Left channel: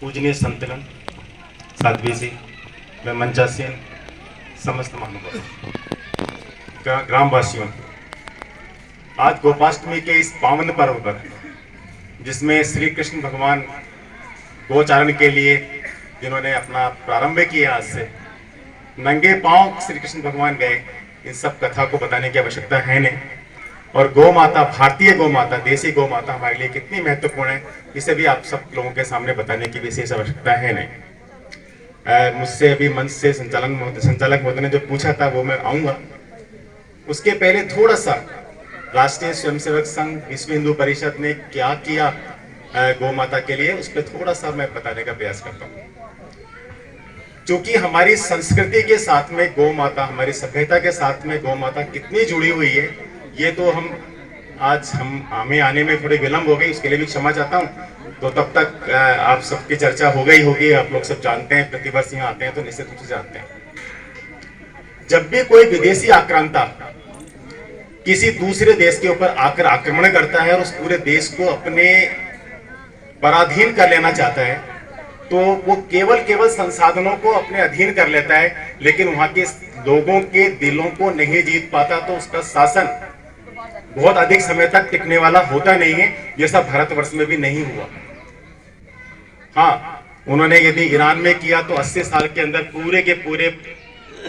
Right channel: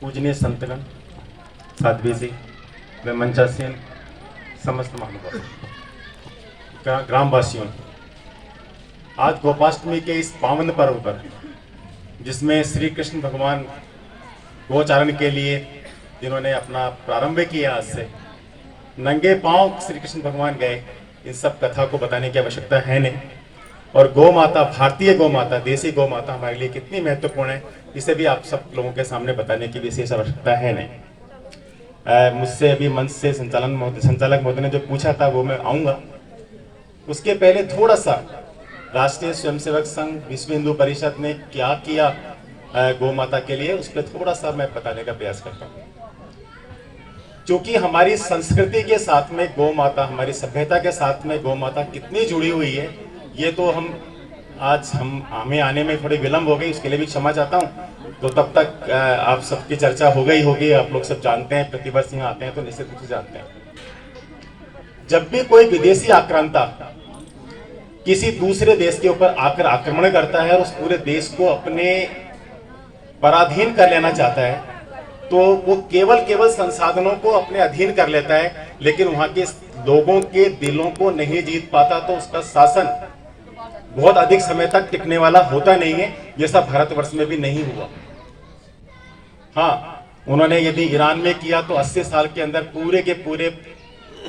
पूजनीय संतगण, साध्वी जी, मैं मंचासीन समस्त महानुभाव ग्रामवासियों, आज गोपाष्टमी के इस पावन पर्व पर, जिसमें श्री कृष्ण भगवान गोचारण के लिए जिन्होंने अपना प्रारंभ किया, आज से नंगे पांव श्री कृष्ण भगवान गए, इन सब कथा को बताने की आवश्यकता है नहीं। और गौ माता, भारतीय गौ माता, देसी गौ माता हमारे लिए कितनी महत्वपूर्ण है, इसे भी आप सब लोगों के सामने बताने की विशेष आवश्यकता है नहीं। मुझसे अभी मंच से संचालक महोदय ने जो पूछा था वो मैं आऊंगा। उसके पहले थोड़ा सा राष्ट्रीय स्वयंसेवक संघ, विश्व हिंदू परिषद ने क्या किया गौ माता के लिए, उस पर थोड़ा सा मैं बताने का प्रयास करता हूँ। क्योंकि हमारी संस्कृति के साथ में गौ माता, हमारी सभ्यता के साथ में गौ माता कितनी जुड़ी हुई है, ये तो हमें आने में थोड़ी विलंब हो गई, उसके लिए भी क्षमा चाहता हूँ। तो तब तक आप सबकी चर्चा हो गई होगी, आप लोग सब जानते हैं, प्रतिवर्ष यहाँ आते हैं तो निश्चित रूप से जानते हैं। जब भी कोई विदेशी आक्रांता किसी दूसरे देश के ऊपर आकर आक्रमण करता है और उस पूरे देश को अपने पराधीन कर लेना चाहता है, तो वो केवल संसाधनों को अपने अधीन कर लेता है, लेकिन वहां के लोगों के दिलों को नहीं जीत पाता, तो उसका शासन बहुत अधिक समय तक टिकने वाला होता नहीं है, जैसा भारतवर्ष में भी नहीं हुआ। हाँ, उन्होंने यदि ईरान में किया तो 80 साल के अंदर पूरे के पूरे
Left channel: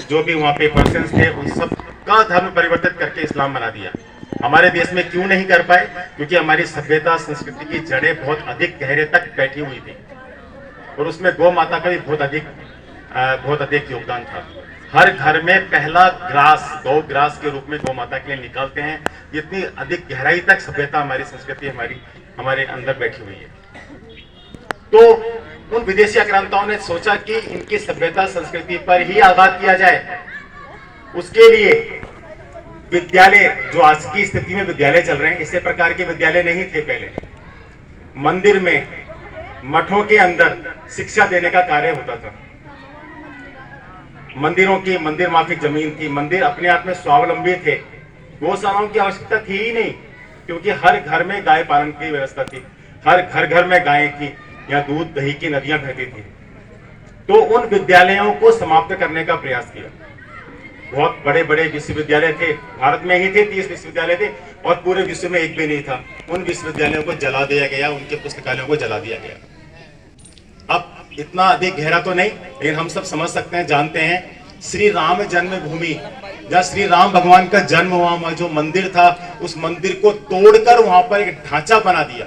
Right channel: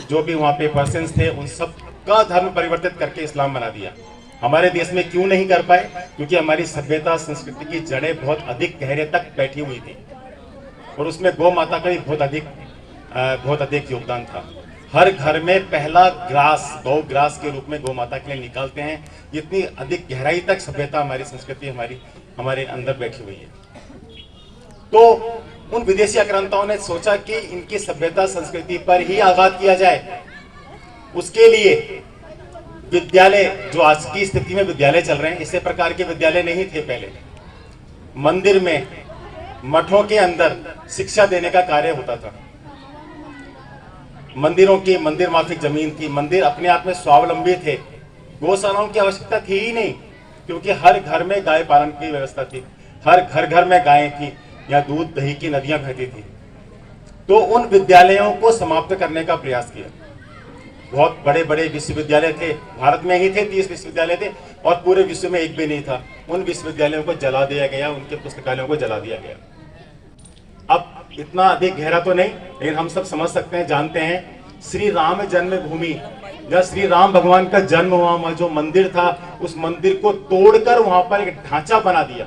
जो भी वहां पे पर्सन्स थे उन सब का धर्म परिवर्तित करके इस्लाम बना दिया। हमारे देश में क्यों नहीं कर पाए? क्योंकि हमारी सभ्यता, संस्कृति की जड़ें बहुत अधिक गहरे तक बैठी हुई थी और उसमें गौ माता का भी बहुत अधिक योगदान था। हर घर में पहला ग्रास, गौ ग्रास के रूप में गौ माता के लिए निकालते हैं। इतनी अधिक गहराई तक सभ्यता, हमारी संस्कृति हमारे अंदर बैठी हुई है। तो उन विदेशी आक्रांताओं ने सोचा कि इनकी सभ्यता संस्कृति पर ही आघात किया जाए। उसके लिए विद्यालय, जो आज की स्थिति में विद्यालय चल रहे हैं, इसी प्रकार के विद्यालय नहीं थे पहले। मंदिर में, मठों के अंदर शिक्षा देने का कार्य होता था। मंदिर माफिक जमीन थी, मंदिर अपने आप में स्वावलंबी थे, गौशालाओं की आवश्यकता थी ही नहीं, क्योंकि हर घर में गाय पालन की व्यवस्था थी, हर घर में गायें थी, या दूध दही की नदियां बहती थी। तो उन विद्यालयों को समाप्त करने का प्रयास किया। बहुत बड़े बड़े विश्वविद्यालय थे, भारत में ही थे 30 विश्वविद्यालय थे, और पूरे विश्व में एक भी नहीं था। उन विश्वविद्यालयों को जला दिया गया, उनके पुस्तकालयों को जला दिया गया। अब इतना अधिक गहरा तो नहीं, लेकिन हम सब समझ सकते हैं, जानते हैं। श्री राम जन्मभूमि, जहाँ श्री राम भगवान का जन्म हुआ, वहां जो मंदिर था, उस मंदिर को तोड़कर वहां पर एक ढांचा बना दिया।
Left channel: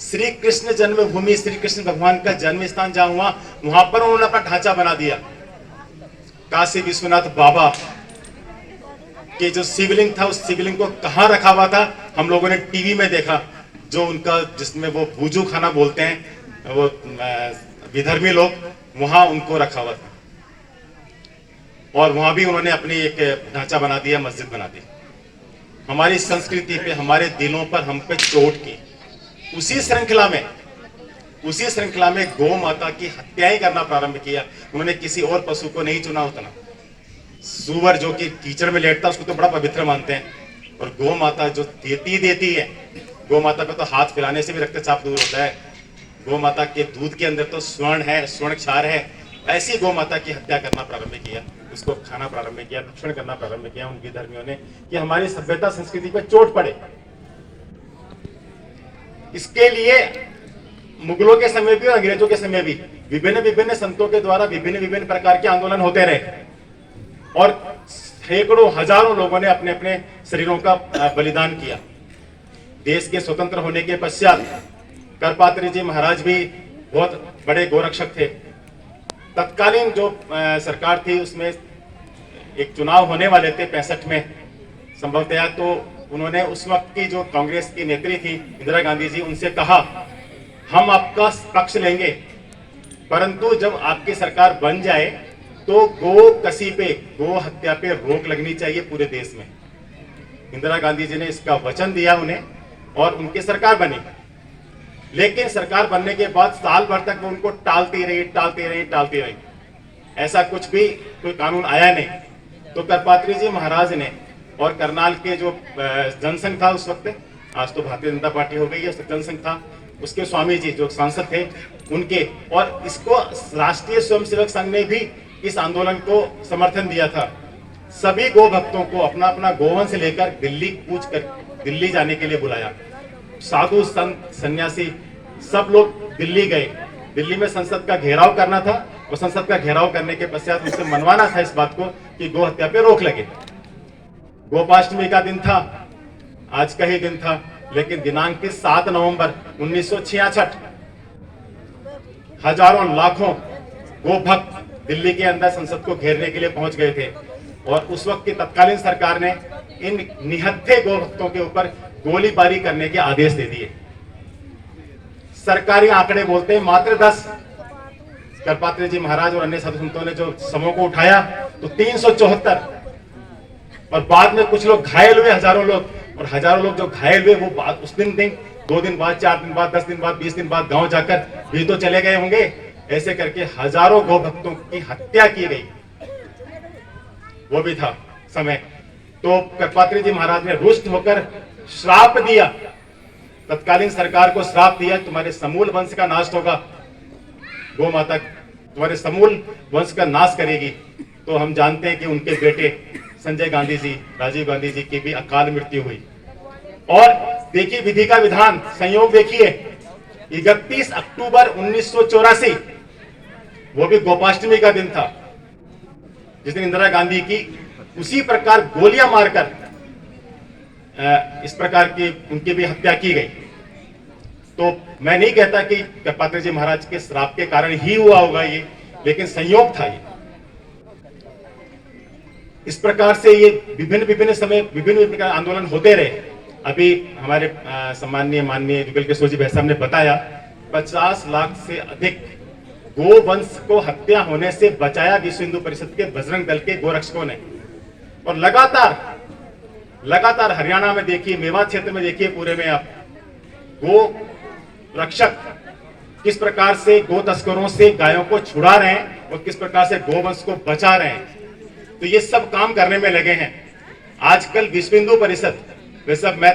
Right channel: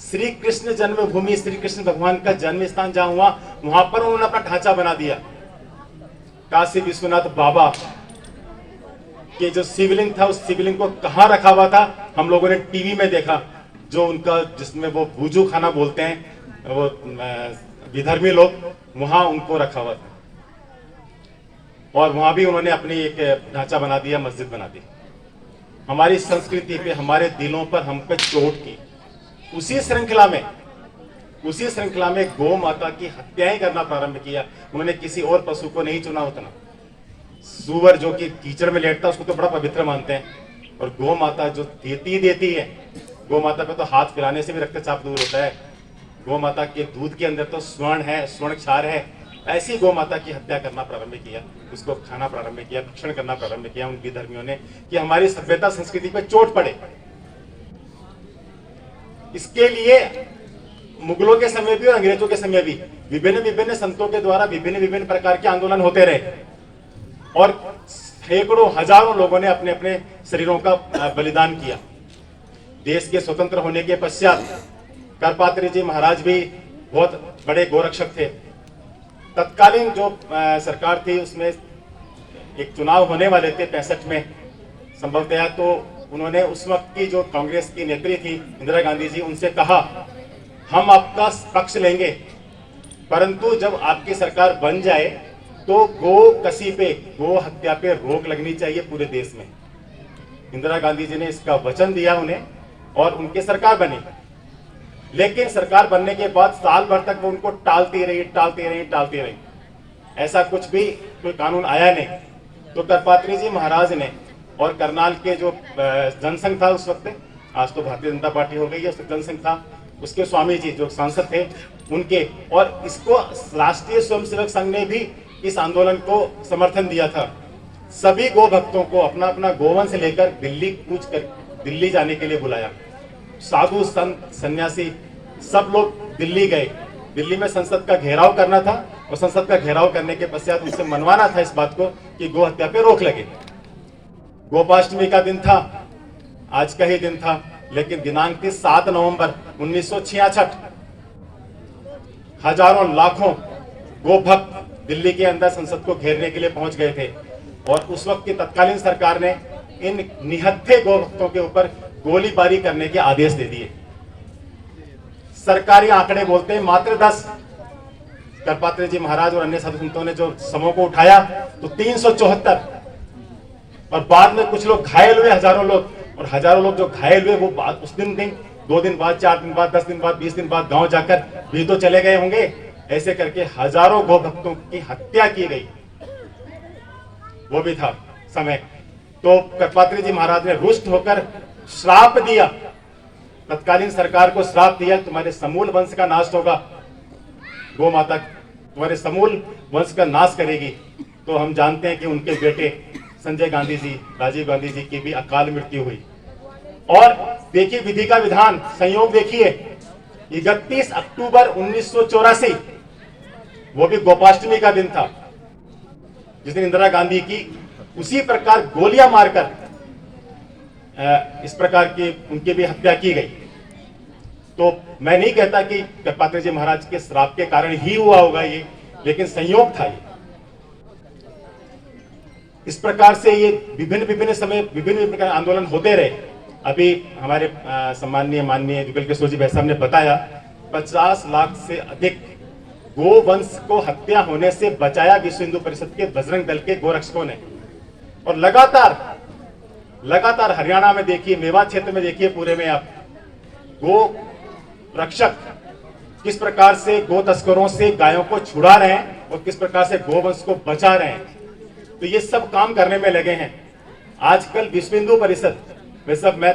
श्री कृष्ण जन्मभूमि, श्री कृष्ण भगवान का जन्म स्थान जहां हुआ, वहां पर उन्होंने अपना ढांचा बना दिया। काशी विश्वनाथ बाबा के जो शिवलिंग था, उस शिवलिंग को कहां रखा हुआ था, हम लोगों ने टीवी में देखा, जो उनका, जिसमें वो भूजू खाना बोलते हैं वो विधर्मी लोग, वहां उनको रखा हुआ था। और वहां भी उन्होंने अपनी एक ढांचा बना दिया, मस्जिद बना दी। हमारी संस्कृति पे, हमारे दिलों पर हम पे चोट की। उसी श्रृंखला में गौ माता की हत्याएं करना प्रारंभ किया। उन्होंने किसी और पशु को नहीं चुना उतना। सूअर जो कि कीचड़ में लेटता, उसको तो बड़ा पवित्र मानते हैं, और गौ माता जो देती है, गौ माता को तो हाथ पिलाने से भी रक्तचाप दूर होता है। गौ माता के दूध के अंदर तो स्वर्ण है, स्वर्ण क्षार है। ऐसी गौ माता की हत्या करना प्रारंभ किया, उसको खाना प्रारंभ किया, भक्षण करना प्रारंभ किया उन विधर्मियों ने, कि हमारी सभ्यता संस्कृति पर चोट पड़े। इसके लिए मुगलों के समय भी और अंग्रेजों के समय भी विभिन्न संतों के द्वारा विभिन्न प्रकार के आंदोलन होते रहे, और सैकड़ों हजारों लोगों ने अपने अपने शरीरों का बलिदान किया। देश के स्वतंत्र होने के पश्चात करपात्री जी महाराज भी बहुत बड़े गोरक्षक थे। तत्कालीन जो सरकार थी, उसमें एक चुनाव होने वाले थे 65 में संभवतः, तो उन्होंने उस वक्त की जो कांग्रेस की नेत्री थी इंदिरा गांधी जी, उनसे कहा, हम आपका पक्ष लेंगे, परंतु जब आपकी सरकार बन जाए तो गो हत्या पे रोक लगनी चाहिए पूरे देश में। इंदिरा गांधी जी ने इसका वचन दिया उन्हें, और उनकी सरकार बनी। लेकिन सरकार बनने के बाद साल भर तक वो उनको टालती रही। ऐसा कुछ भी कोई कानून आया नहीं। तो करपात्री जी महाराज ने, और करनाल के जो जनसंघ था उस वक्त, आज तो भारतीय जनता पार्टी हो गई है, उस जनसंघ था, उसके स्वामी जी जो सांसद थे उनके, और इसको राष्ट्रीय स्वयंसेवक संघ ने भी इस आंदोलन को समर्थन दिया था। सभी गो भक्तों को अपना अपना गोवंश लेकर दिल्ली कूच कर दिल्ली जाने के लिए बुलाया। साधु संत सन्यासी सब लोग दिल्ली गए। दिल्ली में संसद का घेराव करना था और संसद का घेराव करने के पश्चात उनसे मनवाना था इस बात को कि गो हत्या पे रोक लगे। गोपाष्टमी का दिन था, आज का ही दिन था, लेकिन दिनांक 7 नवंबर 1966 हजारों लाखों गो भक्त दिल्ली के अंदर संसद को घेरने के लिए पहुंच गए थे और उस वक्त की तत्कालीन सरकार ने इन निहत्थे गो भक्तों के ऊपर गोलीबारी करने के आदेश दे दिए। सरकारी आंकड़े बोलते हैं मात्र 10। करपात्री जी महाराज और अन्य साधु संतों ने जो समूह को उठाया तो 374, और बाद में कुछ लोग घायल हुए, हजारों लोग, और हजारों लोग जो घायल हुए वो बात उस दिन 2 दिन बाद, 4 दिन बाद, 10 दिन बाद, 20 दिन बाद गांव जाकर भी तो चले गए होंगे। ऐसे करके हजारों गो भक्तों की हत्या की गई, वो भी था समय। तो करपात्री जी महाराज ने रुष्ट होकर श्राप दिया, तत्कालीन सरकार को श्राप दिया, तुम्हारे समूल वंश का नाश होगा, गो माता तुम्हारे समूल वंश का नाश करेगी। तो हम जानते हैं कि उनके बेटे संजय गांधी जी, राजीव गांधी जी की भी अकाल मृत्यु हुई। और देखिए विधि का विधान, संयोग देखिए, 31 अक्टूबर 1984 वो भी गोपाष्टमी का दिन था, जिस दिन इंदिरा गांधी की उसी प्रकार गोलियां मारकर इस प्रकार की उनकी भी हत्या की गई। तो मैं नहीं कहता कि करपात्री जी महाराज के श्राप के कारण ही हुआ होगा ये, लेकिन संयोग था ये। इस प्रकार से ये विभिन्न समय विभिन्न प्रकार आंदोलन होते रहे। अभी हमारे सम्माननीय माननीय जुगल किशोर जी भाई साहब ने बताया 50 लाख से अधिक गोवंश को हत्या होने से बचाया विश्व हिंदू परिषद के बजरंग दल के गोरक्षकों ने। और लगातार हरियाणा में देखिए, मेवात क्षेत्र में देखिए, पूरे में आप गो रक्षक किस प्रकार से गो तस्करों से गायों को छुड़ा रहे हैं और किस प्रकार से गोवंश को बचा रहे हैं। तो ये सब काम करने में लगे हैं। आजकल विश्व हिंदू परिषद, वैसे मैं